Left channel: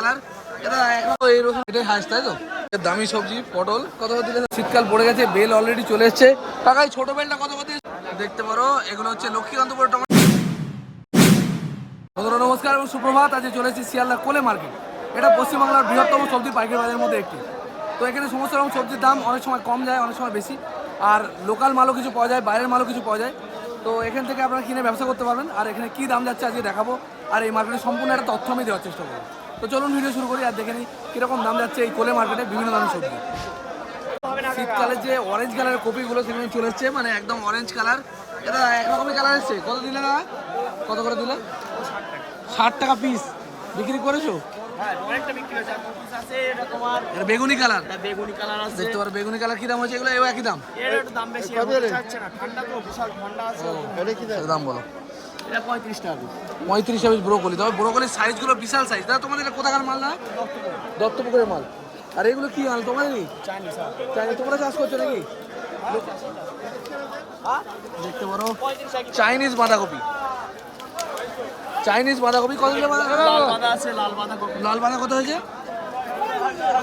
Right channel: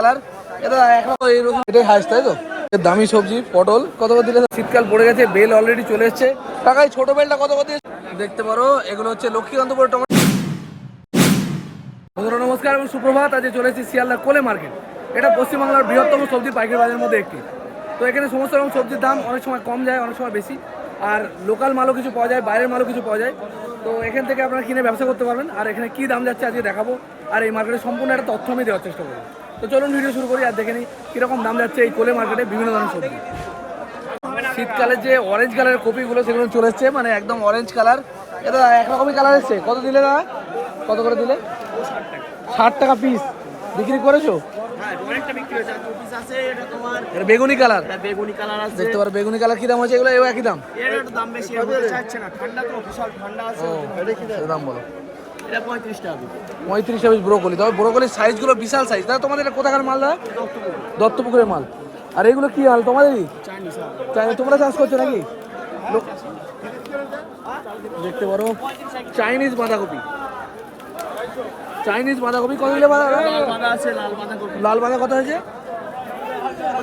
Colour এটা একরকম এই রকম এটাই হাইস তাই তো। দামি সবজি পটল কত করে দিলে? শীতকাল পড়ে গেছে, বেল অলরেডি চলে এসছে। টাকায় ছোট বেলটা কত করে দিয়ে দেখতে পারো। এগুলো হচ্ছে লক্ষ্মীকান্তপুর টমেটো। বন্ধুরা নমস্কার এবং সুপ্রভাত। আজ চলে এসেছি শিয়ালদা কোলে মার্কেট। এটা পশ্চিমবাংলার বৃহত্তম সবজি পাইকারি বাজারের মধ্যে একটি। তো এখানে সমস্ত রকম সবজির দাম অনেক সময় কম যায়, অনেক সময় বেশি। আর লোকাল মালও কিছু পাওয়া যায়, বাইরের মালও কিছু পাওয়া যায়। তো এখান থেকে আপনারা কিনে ব্যবসা করতে পারবেন। আর এখানে কী দাম যাচ্ছে আজকে দেখাবো। আর এই মার্কেটের সম্পূর্ণ একটা তথ্য আমি দেওয়ার চেষ্টা করবো। তো চলুন ভিডিও শুরু করি আর দেখে নিই কীরকম দাম যাচ্ছে এই কোলে মার্কেটে বিভিন্ন ধরনের সবজি। শীতকালে যে অরেঞ্জ কালারের কপিগুলো সেগুলো চলে এসছে, মানে একদম অরেঞ্জ কালার। এটা একরকমই কালার এসছে। কত দিলে দাদা? কত করে দিলে? 60 টাকা পিস বিক্রি করেছো? বেগুনি কালার, বেগুনি কালার আছে, দেখতে পারো বেগুনি কালার কি দাম হচ্ছে? এগুলো একই দাম? এর একটু দাম বেশি হতে চাচ্ছে না, ঠান্ডা তো বিশাল ঠান্ডা আছে। দাম বলো। এটা 35 টাকা পিস। 35 টাকা পিস ব্রোকলি। তবে ব্রোকলির সাইজগুলো বিশাল সাইজ। দাদা তোমাদের এটা কোথাকার মাল? দাদা দত্তপুকুরের মাল। আর এগুলো কি মাল তোমাদেরই? তোমরা চাষ করছো নাকি? দেখতে পারো চাইনিজ বাঁধাকপি। চাইনিজ বাঁধাকপি কত দিলে? লাল বাঁধা কত হয়েছে?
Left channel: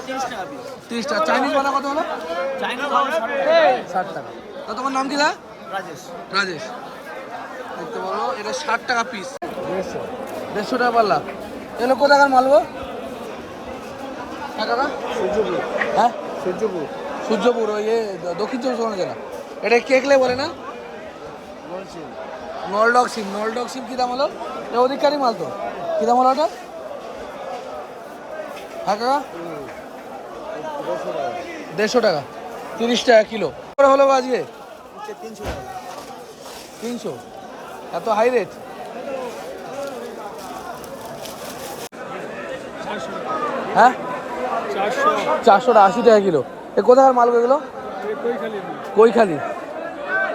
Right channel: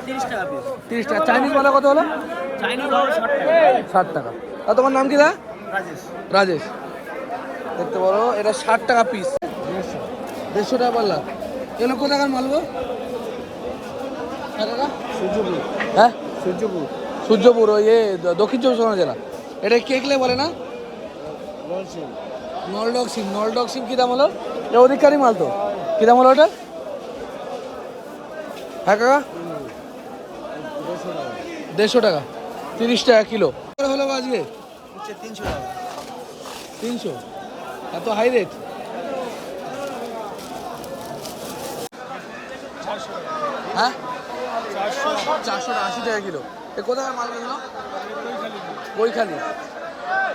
30 টাকা পিস। 30 টাকা। চাইনিজ বাঁধা কত হলো? চাইনিজ দাম 60 টাকা। তা তোমার নাম কি দা? রাজেশ। রাজেশ। দেখতে পারো এটা 60 টাকা পিস। 150 টাকা পাল্লা। এগুলো কোথাকার মালবো? হ্যাঁ কাকা? সূর্যপুর। হ্যাঁ সূর্যপুর। সূর্যপুর, ওই দক্ষিণ চব্বিশ পরগনা জেলা। এটা কেকলে বলে না? নলডক সিম। নলডক সিম কী দাম হলো? এটা অধিকারী মাল তো। কী দাম হলো ওটা? হ্যাঁ কাকা? 150 টাকা। 30 টাকা কিলো হলো আজকে? 300 টাকা। 300? এত হাই রেট? হ্যাঁ 400 টাকা। 80 টাকা কিলো। এ কোথাকার মাল এগুলো? কৈখালি।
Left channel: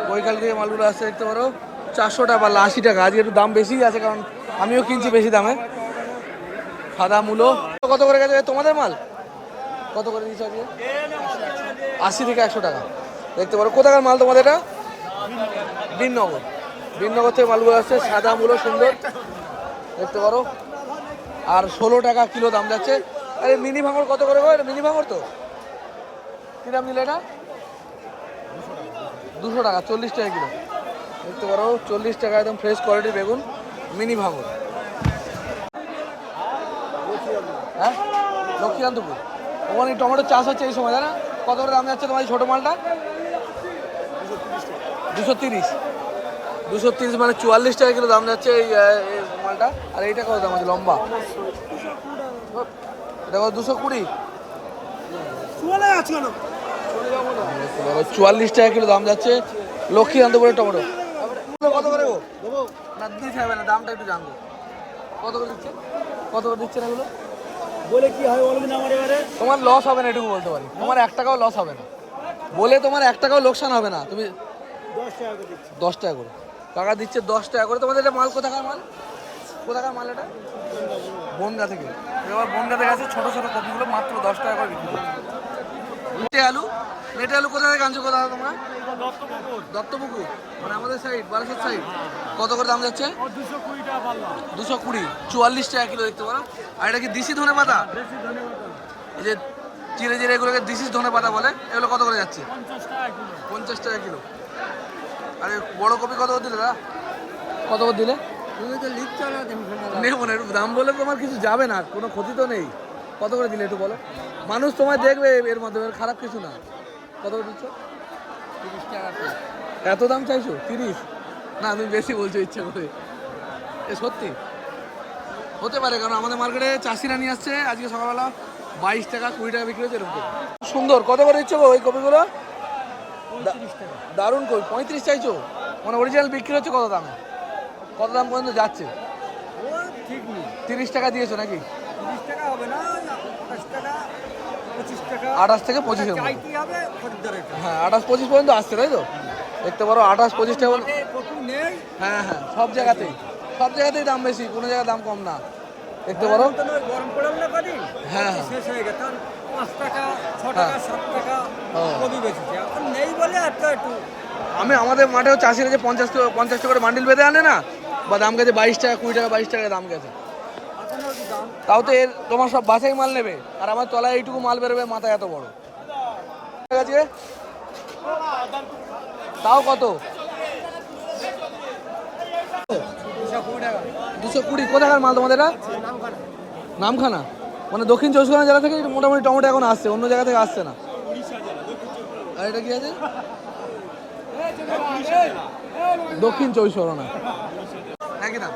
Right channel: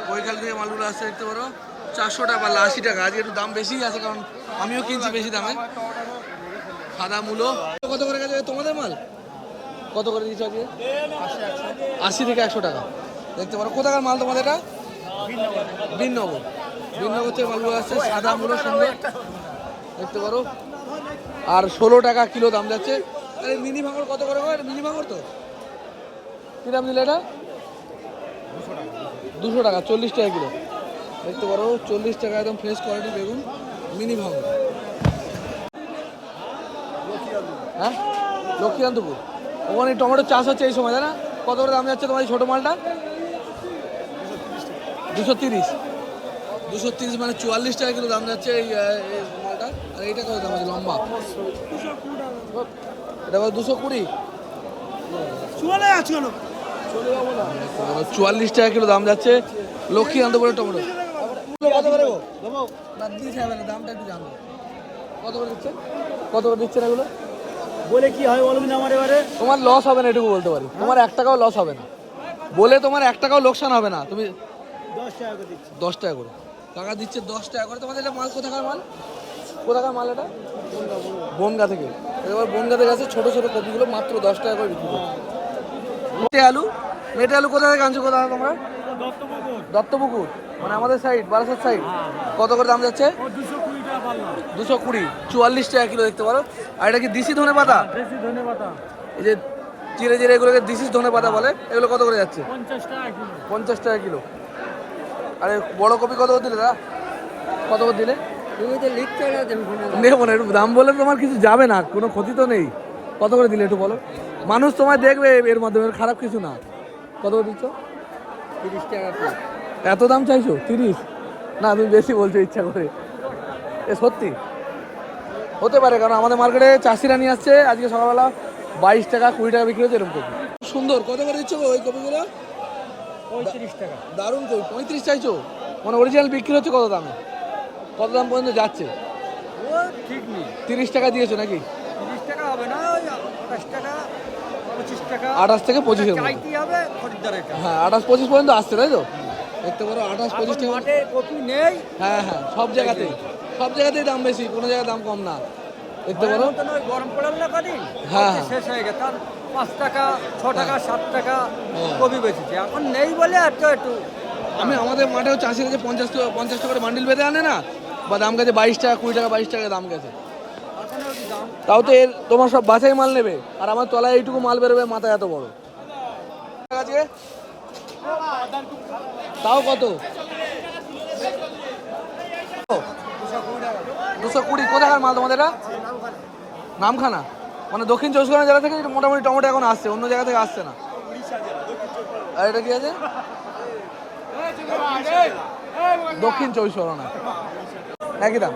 কৈখালি থেকে মালগুলো আসছে। দেখতে পারো 400 টাকা পাল্লা, 80 টাকা। আজকে একটু দাম বেশি আছে, কারণ আমিও কিনছি বেশি দামে। সাদা মূলো কত করে গেছে তোমাদের মাল? কত করে দিয়েছো আজকে? 80 থেকে 100 টাকা। দেখতে পারো কোথাকার মাল তোমাদের এটা? বিননগর। বিননগর থেকে মালগুলো আসছে। সাদা মূলো সুন্দর, দেখতে পারো। আর 16 টাকা কিলো দাম যাচ্ছে। আরে মিনি ভাঙর কত করে গো? এটা মিনি ভাঙর তো। কী দাম দিলে এটা? 200 টাকা। 40 টাকা কিলো। দেখতে পারো 40 টাকা একদম ফ্রেশ কোয়ালিটির বেগুন, মিনি ভাঙর। হ্যাঁ লক্ষ্মীকান্তপুর। ওখানে টমেটো চাষ হচ্ছে এই সময়, তাই না? কত করে দাম যাচ্ছে তোমার এই ছোটো মালটা? 230। 230 মানে 44 টাকা কিলো দাম যাচ্ছে এই মালটা। আর এইটা কত দাম আছে লম্বা? এটা কত? 220। 44 টাকা কিলো দাম যাচ্ছে লক্ষ্মীকান্তপুরের টমেটো। কত করে গো? না দিতে হবে না, দামটা একটু জানবো। কত করে দিচ্ছে? কত করে দিচ্ছে না এগুলো? বলে কি হয় বলবি না আমার এবারে? তোমার লস হবে না, এটুকু বলতে পারি। তোমার 1 টাকাও লস হবে না বলে, তোমার 1 টাকাও লোকসান হবে না। তুমি 10 টাকা করে দিচ্ছি। 10 টাকা করে টাকা দিচ্ছে। 10 টাকা করে। তোমাদের এটা মাল কোথাকার মাল? কোথাকার মাল এটা? বনগা থেকে। এবার বনগা থেকে আছে ছোটো ছোটো কপিগুলো মাত্র 10 টাকা করে বিক্রি করছে। মেটে আলু। মেটে আলু কোথা থেকে আনছো? কোথায় তোমরা? দত্তপুকুর, মানে আমাদের সাইড, বারাসাত সাইড। কত করে দাম যাচ্ছে? 220 টাকা পাল্লা। 220। 44 টাকা কিলো। দেখতে পারো। আর এটা কি দিশি ধনে পাতা? দেশি ধনেপাতা এই যে চিড়ে চিড়ে এগুলোকে দিশি ধনে পাতা বলে। এগুলো কত করে যাচ্ছে? 50 টাকা কিলো। 50 টাকা কিলো। আরে বড় কপি কত করে দিলে দাদা? কত করে দিলে? তুমি তো লিখছো না, তুমি নেবো না, একটু দাম বলে তোমার কিছু যাবে না, কোনো ক্ষতি তো নেই। কত করে দিলে একটু বলো, মানুষ তোমায় দেখবে এর মাধ্যমে, খারাপ কিছু না। কত করে দিচ্ছ? 30 টাকা পিস। এত দাম চাইছো? 30? না তুমি বেশি বলছো ইচ্ছা করে। এ সত্যি হতে পারে, কারণ আমাদের মার্কেটে চাষিরা নিয়ে আসছে আজকে সকালবেলা 22 টাকা 20 টাকা বিক্রি হচ্ছে এরকম কপি। সুন্দর। কত করে দিচ্ছ গো ওই কপিগুলো? 35 টাকা। দারুণ কপি। 35 চাইছো? মানে অরিজিনাল বিক্রি হচ্ছে কত দামে? কত দাম পর্যন্ত যাচ্ছে? ও ঠিক নেই। 30 টাকা দিয়েছো নাকি? 30 টাকা হবে না, ওই 28 টাকা 25 টাকা। 28 থেকে 25 এর মধ্যে। চাইতে হবে খরিদ্দারের কাছে। হ্যাঁ 28-25 পর্যন্ত আসছে, তাই তো? দেখতে পারো 28-25 টাকা। কপি নেই। হ্যাঁ হ্যাঁ, সব জায়গাতেই দাম বেশি, কোনো জায়গায় দাম কম না। দেখতে পারো। গরম পড়াম না কাটি। হ্যাঁ হ্যাঁ। শেষ হয়ে গেছে। 5 টাকা 6 টাকা 7 টাকা ও। কপি বেচেছে, এখন নেই বলে একটু একটু। আমি আমাদের মাঠেও চাষিরা যে 50 টাকা করে বান্ডিল বেঁধে আনে না, বা দাম গেছে 22 টাকা 20 টাকা 22 টাকা দাম গেছে। এখনো দাম তাও তো এর তোমার সব বাছাই মাল নেবে, আর আমার তলায় এইটুকু মাল বেরোবে, মাথা এত বড়। ঠিক আছে, তাও কত? 220। কোথাকার মাল তোমাদের এটা? নামখানা, মানে দক্ষিণ চব্বিশ পরগনা জেলা থেকে মোটামুটি টমেটো এখন আসছে, অন্য জায়গা থেকে আসছে না। আর এটা কি আছে? দক্ষিণ চব্বিশ পরগনা, একই দাম।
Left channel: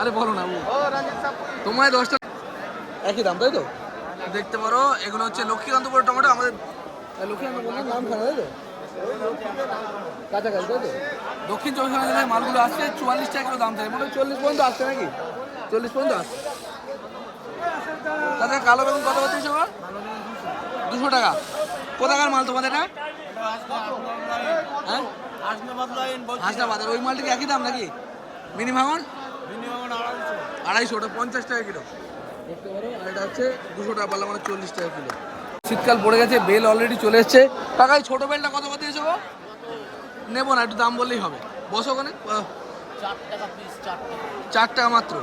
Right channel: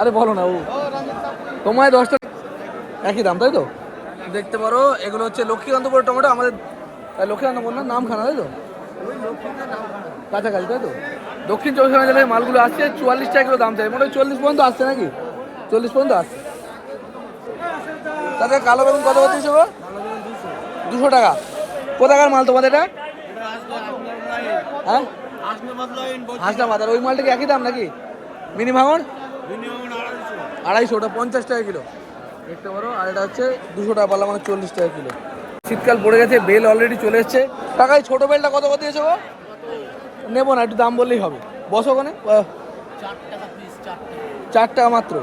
আরে বলো না, ও তোমায় 10টা একই দাম, তাই তো? দেখতে পারো এগুলো হচ্ছে লক্ষ্মীকান্তপুরের টমেটো। আমাদের লক্ষ্মীকান্ত বললাম, নামখানা, তাই তো? কাছাকাছি, তাই তো? দক্ষিণ চব্বিশ পরগনা জেলায় মালগুলো আসছে 44 টাকা কিলো দাম চাই, মোটামুটি 40 পর্যন্ত আসছে নাকি? 40 পর্যন্ত আসছে। তাদের কালো বেগুন কত করে দিয়েছো? 200 টাকা। কোথাকার মাল তোমাদের এটা? হ্যাঁ, হাসনাবাদ। আর ওই মালটা কি একই দাম নাকি? মিনি ভাঙন 250, ওটা 50 টাকা কিলো দেখতে পারো। আর এটা হচ্ছে 200 টাকা পাল্লা, মানে 40 টাকা কিলো। শীতকাল পড়ে গেছে, বেল অলরেডি চলে এসছে। টাকায় ছোট বেলটা কত করে দিয়েছো গো? নেবো না, একটু দাম বললেই হবে। বসো ওখানে। 4 টাকা মাত্র।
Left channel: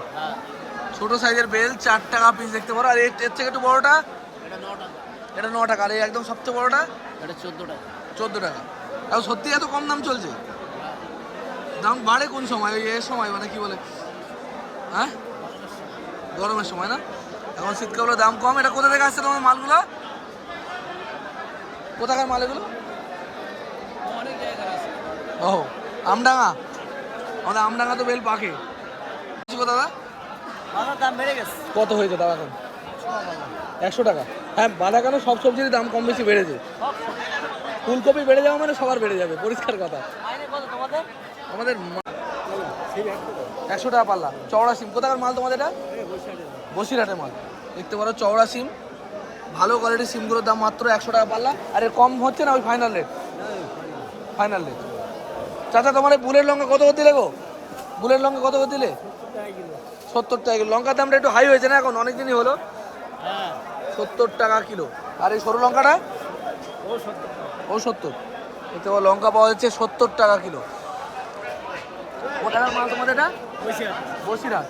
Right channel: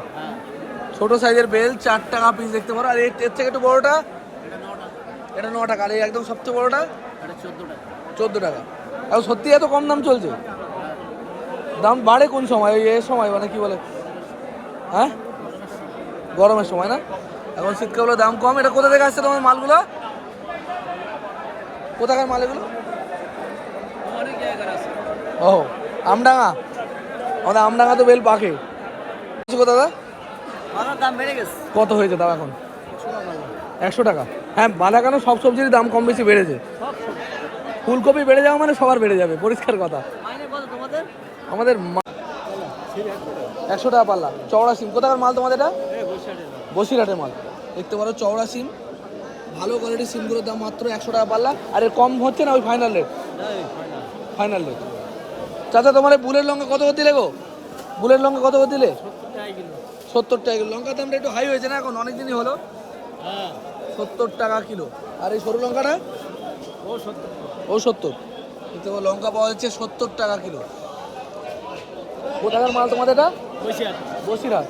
ছোট সাইজের বেল 4 টাকা পিস দেখতে পারো। আর এর থেকে একটু বড়টা, এটা 9 টাকা। আর এই একদম সবচেয়ে বড়টা 14 টাকা। এখন সত্যি এত কম দাম চলছে? দাম বাড়ে কোন সময়? ওই এর সময়, মানে কি বলে, হ্যাঁ, গরমের সময় না? এখন শীতকালে দাম কম। এটা কোথা থেকে আসছে তোমার মালগুলো? কোথাকার মাল এগুলো? ও, আমডাঙ্গা। আমাদের আমডাঙ্গা তো বেল পাকে। দাদা কত হয়েছে দাদা এখন? 100 টাকা। হ্যাঁ, বাঁধা কেন, সব সবজির দাম কম বেশি বেড়েছে। ফুলকপি বেড়ে যাওয়া মানে সবার বেড়ে যাবে, পরিষ্কার কথা। আমাদের 100 টাকা পাল্লা। চওড়া সিম কোথাকার মাল তোমাদের এটা? বসিরহাটের মাল দেখতে পারো। চওড়া সিম, ভালো কোয়ালিটির সিমগুলোর দাম মাত্র 100 টাকা পাল্লা। আর এর কম হচ্ছে না? ওই ফাইনাল রেট, ফাইনাল রেট। চাচা, তোমার বুলেট লঙ্কা কত করে দিলে গো? বুলেট লঙ্কা কত করে দিলে? 70 টাকা কিলো। লঙ্কার দামটা একটু হাই হয়েছে না এখন? অনেক দিনই হলো। 70 টাকা কিলো। আর এই সরু লঙ্কাটা? ও 70। দেখতে পাবো লঙ্কা পাওয়া যাচ্ছে 70 টাকা কিলো। কোথাকার মাল তোমাদের এটা? বসিরহাট।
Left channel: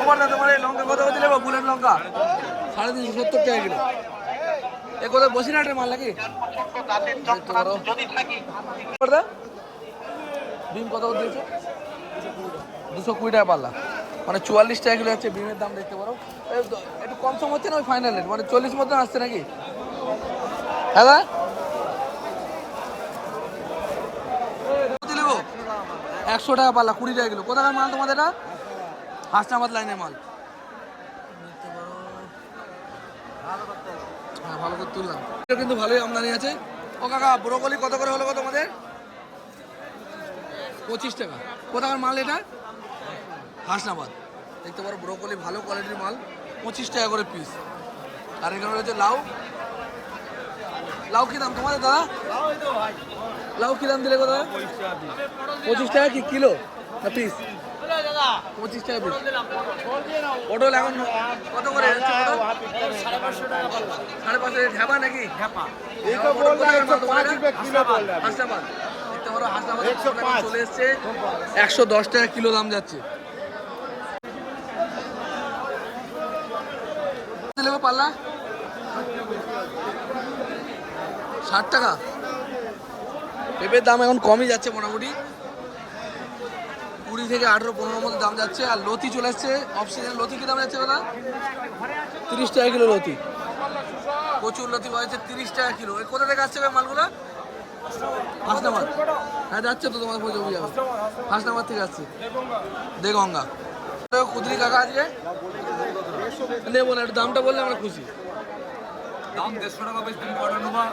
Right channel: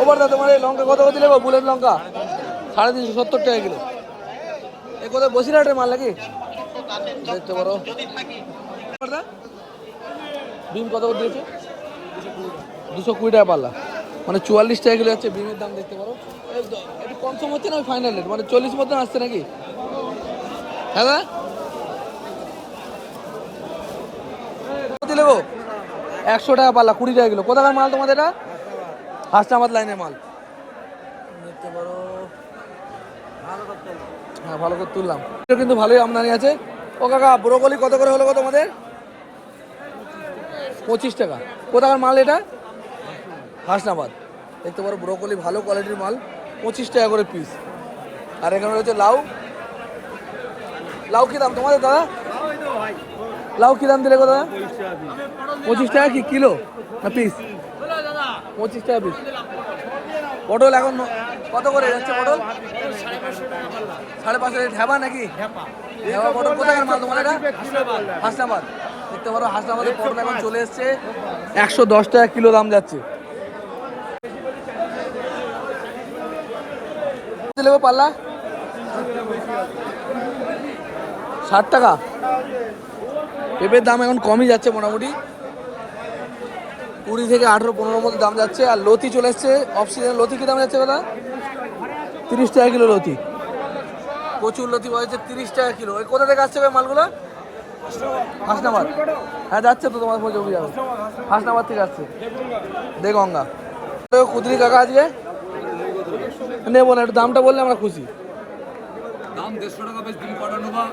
ওবার দা, তোমার এই লঙ্কা কত করে দিলে গো? বুলেট লঙ্কা 350, 70 টাকা কিলো। এ কোথায়, বসিরহাটের মাল নাকি? দেখতে পারো। বিম কত করে দিয়েছে? 220 টাকা পাল্লা, মানে 44 টাকা কিলো হচ্ছে বিমের দাম। দেখতে পারো একটু কম সম হচ্ছে না? ওই ফাইনাল রেট, মানে 40 মতন আসছে নাকি? হ্যাঁ, দিলে গো 100 টাকা পাল্লা, 20 টাকা কিলো। কোথাকার মাল তোমাদের এটা? হাসনাবাদ লাইনের মাল দেখতে পারো। হ্যাঁ, ভালো করে তুললাম। কিন্তু ভালোই আমদানি আছে। ও কাকা, ব্রোকলি কত করে হলো গো তোমাদের? 25 টাকা। কোথাকার মাল এটা? হাসনাবাদ। দেখতে পারো ব্রোকলি ভালো কোয়ালিটির মাল, 25 টাকা করে পিস। আর এখানে রয়েছে লাউ। লাউ কি দাম তোমার দাদা? লাউ কি দাম দিলে গো দাদা? 25 টাকা কি কিলো না পিস? 25 টাকা পিস। পটল এখন কত করে যাচ্ছে? পটল 550 টাকা। ঢেবা নাকি? ঢেবা পটল। কোথাকার মাল তোমার এটা? হাসনাবাদ। দেখতে পারো হাসনাবাদের পটল এখন চলে এসছে 110 টাকা কিলো দাম যাচ্ছে। লেবু পাল্লা 60 টাকা। পেঁপের দাম এখন কমই যাচ্ছে, মোটামুটি 20 থেকে 18, 15 মধ্যে দাম যাচ্ছে। আর লতি চলে এসছে অফ সিজনে। লতি কি দাম যাচ্ছে দাদা? 30 টাকা কিলো লতি। প্রচুর লতি পাওয়া যাচ্ছে 30 টাকা কিলো। কোথা থেকে আসছে মালগুলো? হাসনাবাদ। হ্যাঁ, যাচ্ছে তো, তোমার জমি যাবে। হাসনাবাদ থেকে আসছে, দেগঙ্গা। কুদরি কাকা আজকে নেবো না, একটু দামটা বললে আমরা খুশি। দাম 150 টাকা বেশ, তুমি কটা নেবা?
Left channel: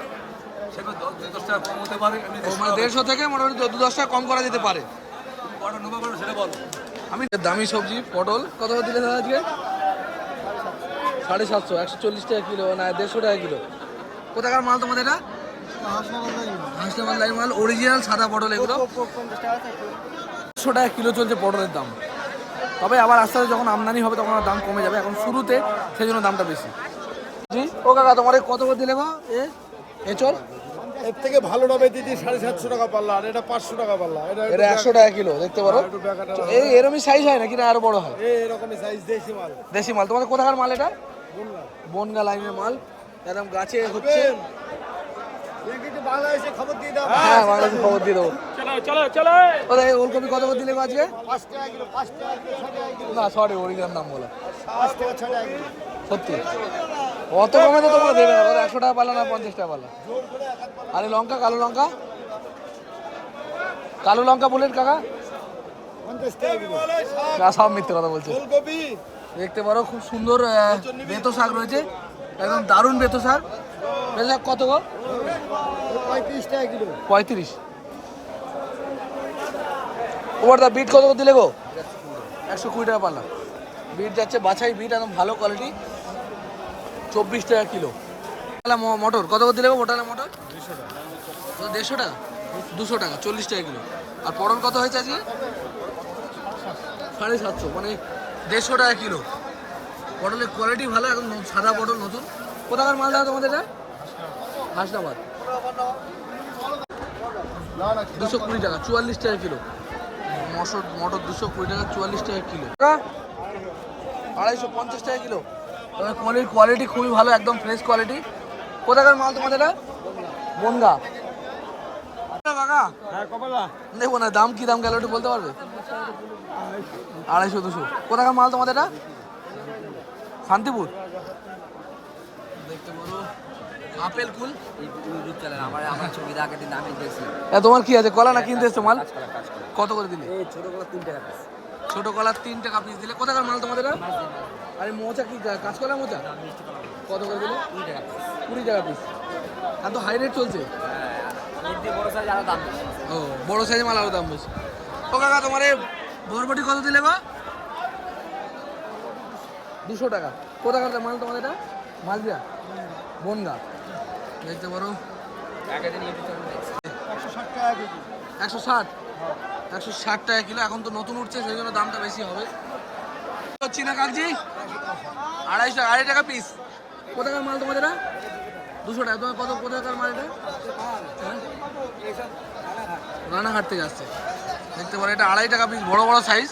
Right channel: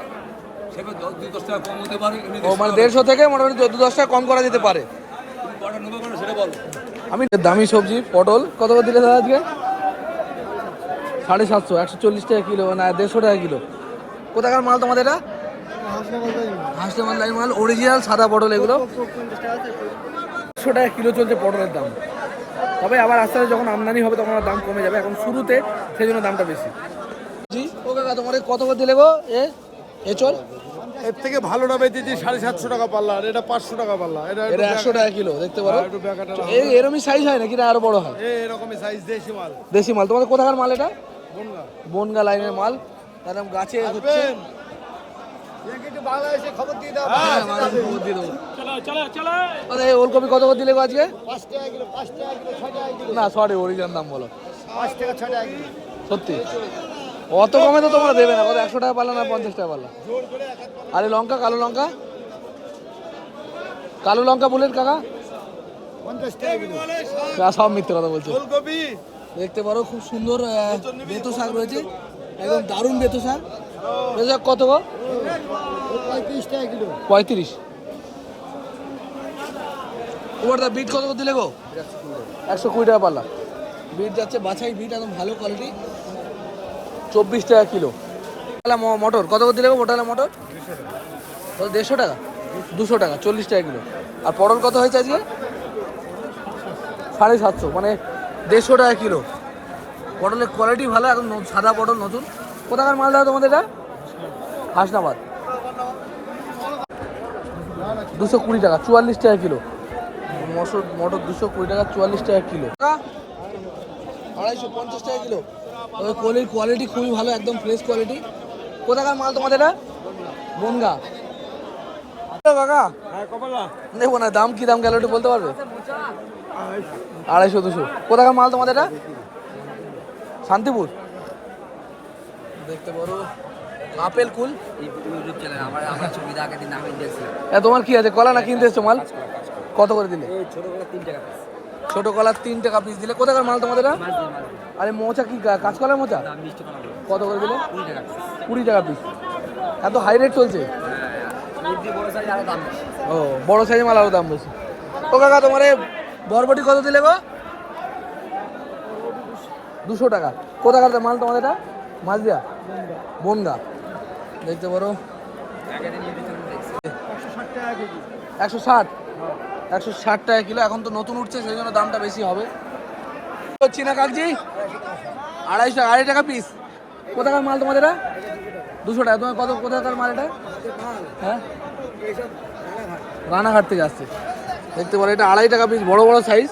সেখানে 10 টাকা কম হতে পারে। ও মানে 150 থেকে মোটামুটি 10 টাকা কম করা যেতে পারে। তুমি কটা নেবা বলো, সেটা বলো। আমি দামি সবজি পটল কত করে দিলে দাদা আজকে? 750, 140 টাকা কিলো, না 150 টাকা কিলো। কোথাকার মাল তোমাদের এটা? হাসনাবাদ লাইন মাল, অরিজিনাল সাদা পটল এগুলো। 100 টাকা কিলো চলছে পটলের দাম। তবে আবার আস্তে আস্তে যখন আমদানি হবে তখন আর দাম কমে যাবে, এখন শুরুতে সেই জন্য দামটা বেশি। জি ও কাকা, তোমার কত করে দিলে গো? এ চল এর থেকে ভালোটা বেচেছি 750 টাকা পাল্লা, আর এটা 500 টাকা পাল্লা। এটা 100 টাকা কিলো দেখতে পারো। একটু টাকাটা এই এরকমই সাইজ হয় নাকি না আরো বড় হয়? এরকমই সাইজ, দেশি মাল। দেশি মাল। তোমাদের কোথাকার মাল এটা? বললাম বনগা লাইনের মাল, একদম গাছে হচ্ছে। হ্যাঁ, বাংলাদেশে খবর দিয়ে দেবো। ওরে ওলকপি কত করে দিলে গো আজকে? 5 টাকা কিলো, 5 টাকা কিলো, 6 টাকা কিলো, না সরি, অরিজিনাল দাম বলো। 5 টাকা 6 টাকা কিলো। সত্যি অত কমে তো তোমরা দেবে না। কত 100 টাকা পারলো না 50 টাকা পারলো? জোর করে এক হাত পাল্লা আরে লঙ্কা, কালো লঙ্কা, কালো লঙ্কা বলেন কাকা? 50 টাকা কিলো। না, সব মিথ্যে কথা বলছো। ফুলকপি দেখতে পারো খুব সুন্দর বেতো শাক রয়েছে, একদম দারুণ বেতো শাক। বেতো শাক কত গো? 35 টাকা কিলো। 35। ওবার দা বিট কত করে দিলে গো? 120 টাকা পাল্লা। বিট যাচ্ছে বাছাই বিট, একদম ভালো কোয়ালিটি, 24 টাকা কিলো। মটর কত করে দিলে গো? মোটালা মটর 150 টাকা, 200 টাকা, 40 টাকা কিলো। আর পটল কত হয়েছে আজকে? 750, মানে 150 টাকা কিলো। পটলের কোয়ালিটি ভালো, একদম সাদা পটল নতুন। কোথাকার মাল দাও তোমাদের এটা? হাসনাবাদ। 220 টাকা, 44 টাকা কিলো। মটর 220 টাকা, 44 টাকা কিলো। 250 টাকা কিলো। তবে কোয়ালিটি খুবই ভালো, একদম ফ্রেশ কোয়ালিটি। কোথাকার মাল তোমাদের এটা? বনগা। কাকা দেখবো না, দাম কি দাম গেল একটু বলতে পারবে? 250 200। কোথাকার মাল তোমাদের এটা? শান্তিপুর। দেখতে পারো আপেল কুল। তোমার কি আছে, কলা না কিনতে এসছো মাল? কত করে দিলে? ছোট কলা 3 টাকা পিস দিলে। কোথাকার মাল তোমাদের এটা? আরে মোচা কি কাঁচকলার মোচা? কত করে দিলে? 20 টাকা পিস। এত হাই রেট চলছে। ও, বড় সাইজের মাল আরো দাম বেশি। ও কাকা তোমার বরবটি কত দিলে গো? 200 টাকা। কোথাকার মাল তোমাদের এটা? মাঝদিয়া, বনগা। দেখতে পারো 160 টাকা কেজি। 160 টাকা কিলো। এখন তো নতুন উঠছে, সেই জন্য দামটা বেশি হবে। চীনা কাগজি 250 টাকা পিস। কোথাকার মাল তোমাদের এটা? 200 টাকা। তোমার কোথাকার মাল এটা? হ্যাঁ, রানাঘাট থেকে আসছে। দেখতে পারো এটা 2.5 টাকা পিস, বড় বড় সাইজ,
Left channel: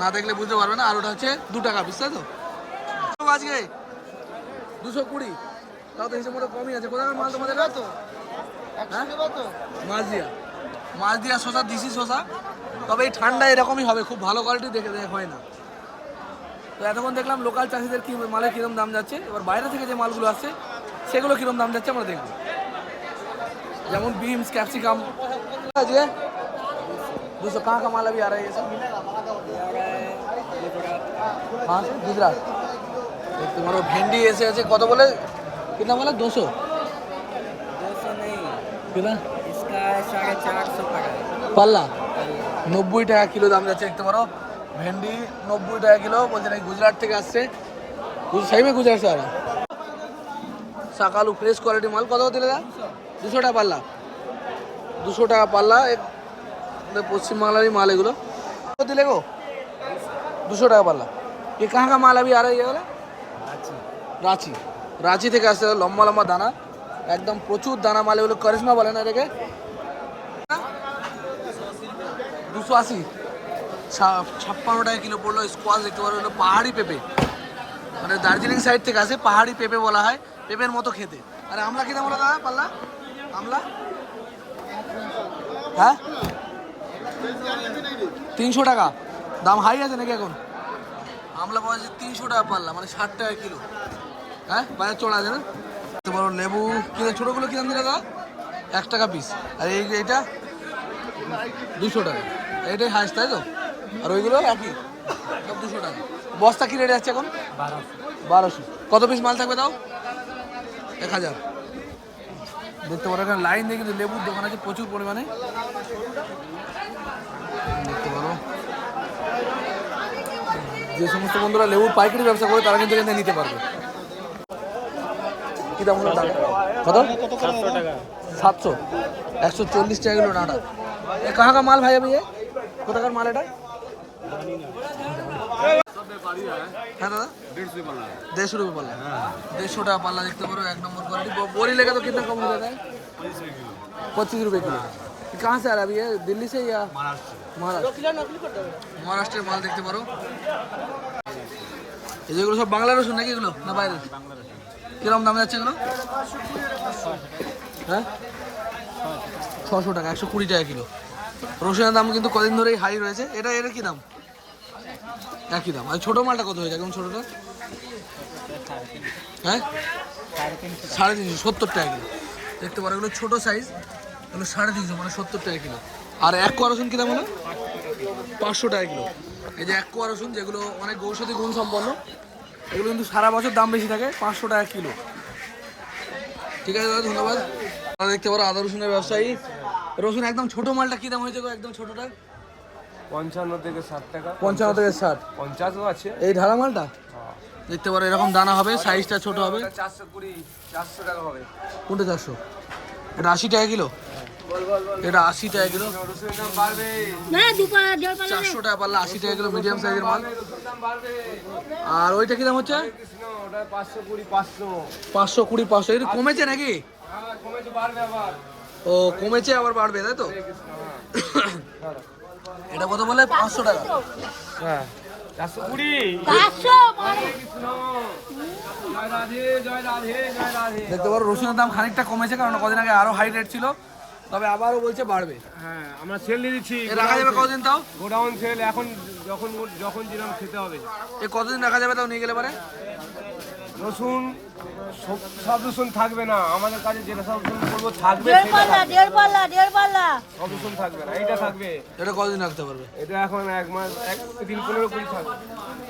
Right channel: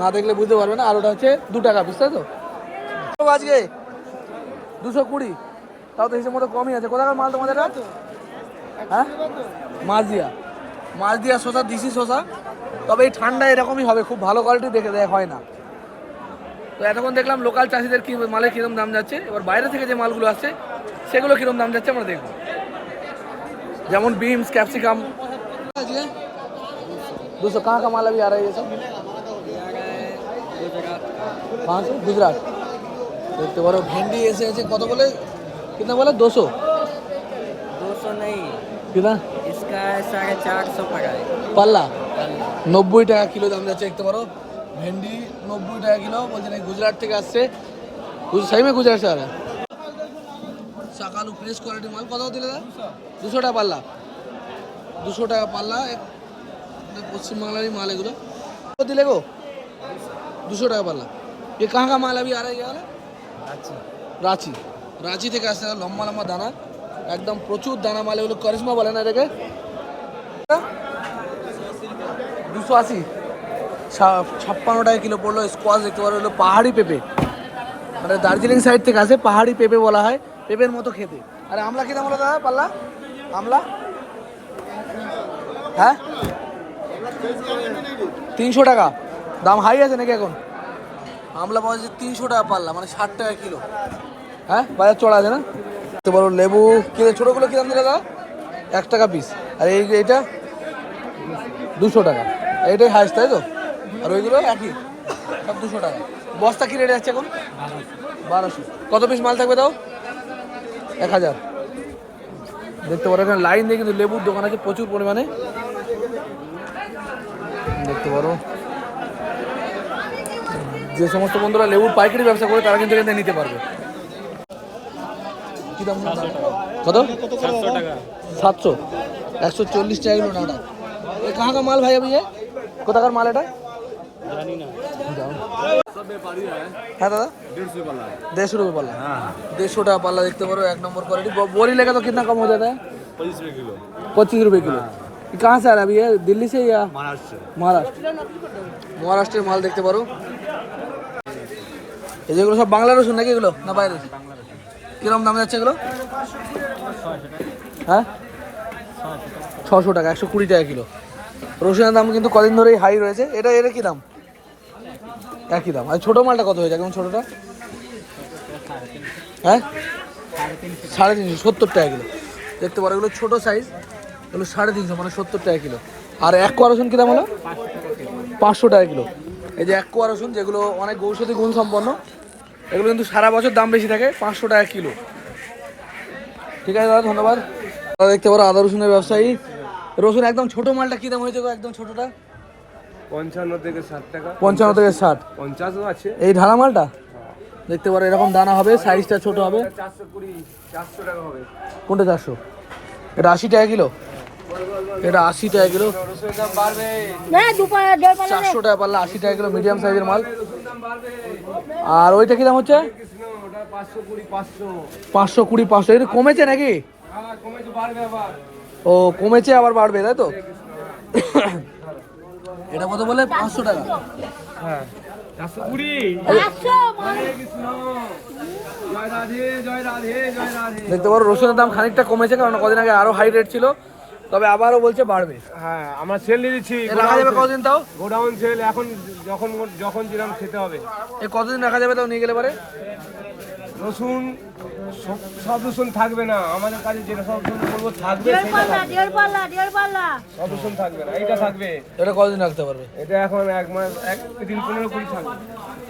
না দেখলে বুঝতে পারবে না। আর ওটা হচ্ছে 2 টাকা পিস, তাই তো? আজকে 220, তাও তো হিসেব মতো কমই আছে। কোথাকার মাল তোমাদের এটা? হ্যাঁ, মাছদিয়া শসা, দিশি শসা। তবে এই ঠান্ডা এরকমই হবে, খুব ভালো কোয়ালিটি দেখে দেয় হয় না। তো এতক্ষণ দেখলাম লোকাল চাষিদের কি মালের কীরকম দাম যাচ্ছে। এবার বাইরে থেকে যে মালগুলো আসছে সেগুলো কীরকম দাম যাচ্ছে আমরা দেখবো। যেমন বিনস, ক্যাপসিকাম। 200 कहाँ का माल अभी आ रहा है ये सब? कहाँ से? गुजरात। देखते पारो भेंडी ऐसे ऐसे कत बोले, कितना बोले? 200 नहीं, कितना इसका 450 पड़ा है পাল্লা? 90 টাকা কিলো দাম যাচ্ছে। দেখতে পারো ভেন্ডি 90 টাকা কিলো। বলছে নাকি গুজরাট থেকে আসছে। सही में गुजरात से आ रहा है। सकालू फ्रेश क्वालिटी माल कत दिले? 200 টাকা পাল্লা। 200 টাকা পাল্লা। পশ্চিমবাংলারই মাল এগুলো। কত দিলে গো? 200 টাকা পাল্লা। ये कहाँ का माल अभी आ रहा है? ये वाला রাঁচি। রাঁচি থেকে আসছে, লম্বা লম্বা দানা, একদম প্রচুর দানা মাল। এগুলো কারিশমা বলে না এটাকে। 280, 56 টাকা কিলো পড়লো। স্কোয়াশ দেখতে পারো, হলো পাহাড়ি পেঁপে, মানে দার্জিলিং সাইড থেকে আসে। পাহাড়ি পেঁপে বলা হয়, পেঁপের মতো খেতে। আরে আমলা কি দাম বলো দাদা পাল্লা? আমলা হ্যাঁ 300 টাকা। দাম হাই আছে নাকি এখন? আমলা পাওয়া যাচ্ছে 300 টাকা পাল্লা, মানে 60 টাকা কিলো। হ্যাঁ, বাজার চড়া আছে না? তো বলো লেবু কিনে, ছোটোগুলো কিরম দিলে দাদা? 1 টাকা পিস। আর এইটা 200 টাকা। এইটাই হাইস, তাই তো? আর ওইগুলো একই, সব 200 টাকা। বস্তা কি রেটে যাচ্ছে এখন? 1200। কত পিস মাল থাকবে তাও? 1000। দেখতে পারো এখানে লাইন দিয়ে কিন্তু লেবুর দোকান আছে প্রচুর পরিমাণে। দেখতে পারো যে সমস্ত বন্ধুরা লেবুর পাইকারি ব্যবসা করে তারা কিন্তু এখান থেকে নিতে পারবে। কি দাম হলো? কত? 700 টাকা। 700, 140 টাকা কিলো ডাঁটা। ये कहाँ का माल भाई अभी ये? কোথাকার মাল এটা? জানি না। হ্যাঁ দাদা, 150 रुपये पाला। 150 টাকা পাল্লা। দেখতে পারো 1 नंबर क्वालिटी। बोरी लेगा तो कितना कम हो जाता है? ₹25 किलो। कहाँ से आ रहा है अभी ये? दिल्ली से या महाराष्ट्र মহারাষ্ট্রের মাল দেখতে পারো। এই যেগুলো সব বাংলা রসুন নাকি এগুলো না বাইরে? কিরকম দাম যাচ্ছে এগুলো? হ্যাঁ 600 টাকা, 120 টাকা কিলো। রসুনের দাম কিন্তু কদিন ধরেই হাই রয়েছে। এটা এর কি দাম? একই দাম। আর ছোটো মালটা কত হয়ে যায়? কেমন ছোটোটা? হ্যাঁ 350, 70 টাকা কিলো দেখতে পারো। এগুলো ছোটো সাইজ, এগুলো 350 মানে 70 টাকা কিলো। আর এক কোয়া রসুন কী দাম হলো? 500 টাকা কিলো। এই যে এক কোয়া রসুন যেগুলো অনেক ঔষধি গুণ সম্পন্ন, এগুলো কিন্তু সারা বছর দাম বেশি থাকে, 500 টাকা কিলো। ঠিক আছে দাদা, ধন্যবাদ। দাদা দেখতে পারো আদা রসুনের ব্যবসায়ী। রসুন একদম ছোটো মালটা কী দাম হয়েছে গো? একদম ছোটোটা 55 থেকে 60 টাকা, 55 থেকে 60। 50ও আছে। এই ঢালা মালটা দেখতে পারো এরকম দানা হবে, সাইজটা ছোট হবে। 400 টাকা হবে। কোনটা 400? এটা 80 টাকা কিলো। এটা 80 টাকা কিলো। রসুনের দাম বাড়বে। 400 টাকা পাল্লা, 80 টাকা কিলো, মিডিয়াম সাইজের মাল। আর ওইটা কি দাম হচ্ছে? ওটা 520, 500। 520, 500। এটা কমেছে নাকি? হ্যাঁ কমেছে, বাড়বে আবার। ও কমেছে আবার বাড়বে, তাই তো? এটা কত বলে? 500 টাকা। হ্যাঁ 420। জয় রাধে, জয় রাধে, জয় রাধে। দেখতে পারো রসুনের দাম খানিকটা কমেছে, কারণ কদিন আগে আরো হাই রেট ছিল, তবে আবারও বলছে বাড়বে। হ্যাঁ আমরা সেল দিয়ে দিচ্ছি। এ রাখা যাবে কতদিন তাও? গোডাউন সেল এখন, যখন যখন যেরকম খেতে হবে। এ কতদিন রাখা যাবে তাও নিয়ে গেলে পারে? রসুন সব রসুন থাকবে না আমাদের কাছে, যেটা সব রসুন বলবো থাকবে সেটা থাকবে। সব রসুন থাকবে না, এইটা থাকবে। এটা কতদিন রাখতে পারবে? এটা এখন 1 মাস, 1 দিন 15-20 থাকবে।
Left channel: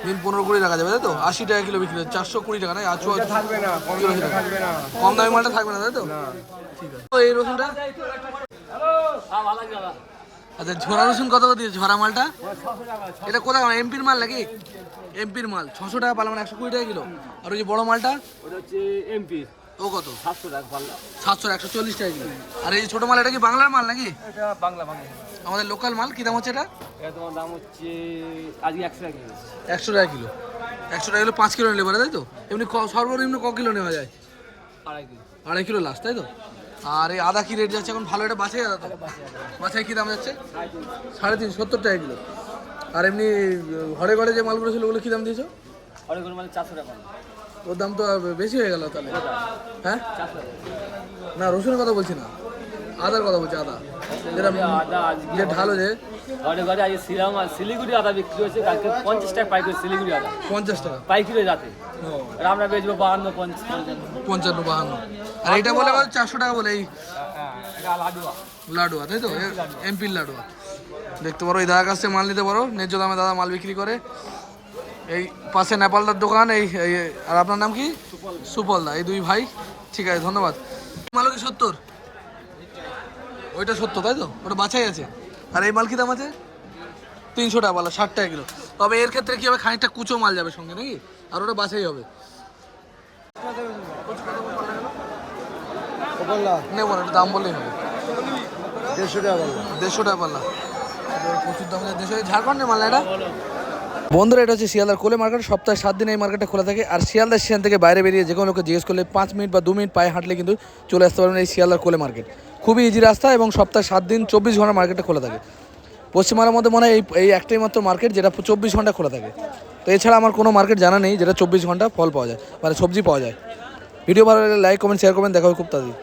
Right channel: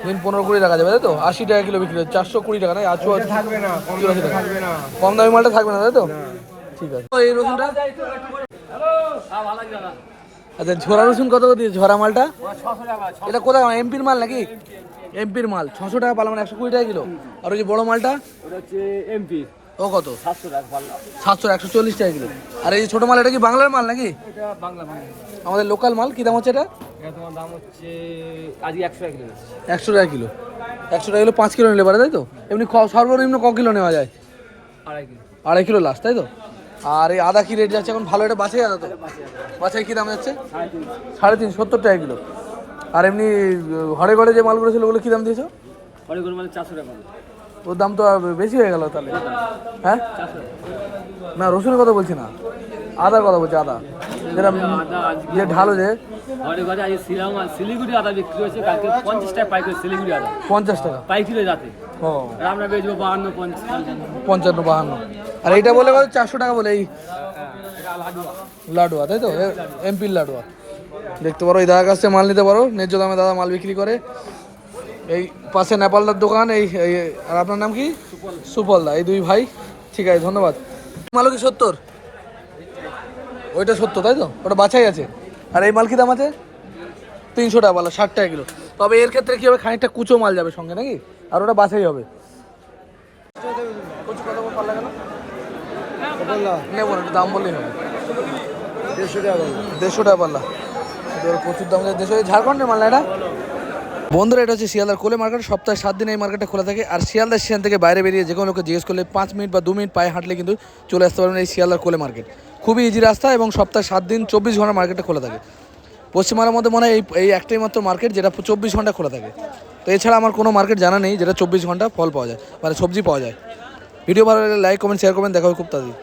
দিন 15-20 রাখা যাবে, তাই তো? 80 টাকা কিলো বিক্রি হচ্ছে, 420 টাকা না? আচু এটা থাকবে না, কম দামে থাকবে না। কম দামি মালটা থাকবে না, তাই তো? ঠিক আছে। এই রসুনটা আচ্ছা, ঝোড়া রসুন কত করে দিয়েছে? ঝোড়া মালটা এটা কোথায়? এমপির মাল নাকি? এমপির মাল 600 টাকা পাল্লা, মানে 120 টাকা কিলো। আর ওই যে বড় মালটা ওটা হচ্ছে এমপি, ও কত? 700 টাকা পাল্লা। 700, 140 টাকা কিলো। আর এই যে ছোটো মাল, এটা কি বাংলার মাল নাকি? এটা বাংলা বাংলা। আমাদের লোকাল মাল কি দাম হচ্ছে এটা? এটা তোমার দাম হচ্ছে আজকে 100 টাকা কিলো। 100 টাকা কিলো। 100 টাকা কিলো 5 কিলো নিলে পারে, তাই তো? এমনি সর্বনিম্ন ক কিলো নেওয়া যায়? 2.5 কিলো। 2.5 কিলো লাস্ট, তাই তো? আর এই আদা কি রেট যাচ্ছে এখন? ভালো, এটা বাছাই আদা তো? বাছাই কি দাম যাচ্ছে? 350, 70 টাকা কিলো। আর এমনি ঘরে ঘরে যে মালগুলো ছিল ওগুলো কি দাম দিয়েছো? অনেক করে মানে 400 টাকা। ওর দাম তো আর বেশি হয়ে গেল তাহলে। হ্যাঁ না, রসুনের কথা বলছি না, আদার কথা বলছি। আদা যেটা যে ঢালো, যে ঘরে ঘরে আজ শিলিগুড়ি আদা বিক্রি হচ্ছে, কালকে 50 টাকা পাইকারি শিলিগুড়ি আদা 50 টাকা। পাইকারি যাতে ও আমরা বেচবো 52, 50। 55, 52। আর এইটা বলে কত? 400 টাকা বলে। এই লাডুয়া, তাই তো? এমপির লাডুয়া দেখতে পারো। এই দাদার কাছে মাল নিতে পারো, ন্যায্য দামে দাদা মাল বিক্রি করে। এই পাশে নেপালদার দোকান। আর আপনার নাম কি? সুপল দা। এই দুই ভাই। ঠিক আছে, ধন্যবাদ। মালও কি 70? ওইটা 70, তাই তো? ওটা বাছাই আছে। আর এই মাল কি দাম আছে? 300 টাকা পাল্লা, 60 টাকা কিলো। তবে এর ক্ষেত্রে কি হবে? খানিকটা কুচো মাল যাবে সঙ্গে নাকি? আর ওটা বাছাই হবে। নেবো না, একটু দাম বললেই হবে। 150 টাকা পাল্লা। প্রচুর দাম। ঝাড়খণ্ডের মাল না এটা? বন্ধুরা, এটা হচ্ছে শিয়ালদার কোলে মার্কেট। সপ্তাহে 7 দিন এই মার্কেটটা খোলা থাকে। আর শিয়ালদার স্টেশন থেকে বাইরে বেরিয়ে যে কোনো লোকে জিজ্ঞেস করলে 5 মিনিট বা 2 মিনিট পায়ে হাঁটলে কিন্তু চলে আসতে পারবেন এই শিয়ালদার কোলে মার্কেট। খুবই ইজি রাস্তা, এবং সপ্তাহে 7 দিন 24 ঘন্টা মার্কেটটা খোলা থাকে। পশ্চিমবাংলার মধ্যে মনে হয় এই একটাই মাত্র মার্কেট যেটা 24 ঘন্টা খোলা থাকে। তো এছাড়া আমার কোনো মার্কেট জানা নেই যেটা 24 ঘন্টা ফল পাওয়া যায়, মানে সবজি পাওয়া যায়। ভিডিও ভালো লাগলে লাইক, কমেন্ট, শেয়ার করবেন। দেখা হবে খুব তাড়াতাড়ি।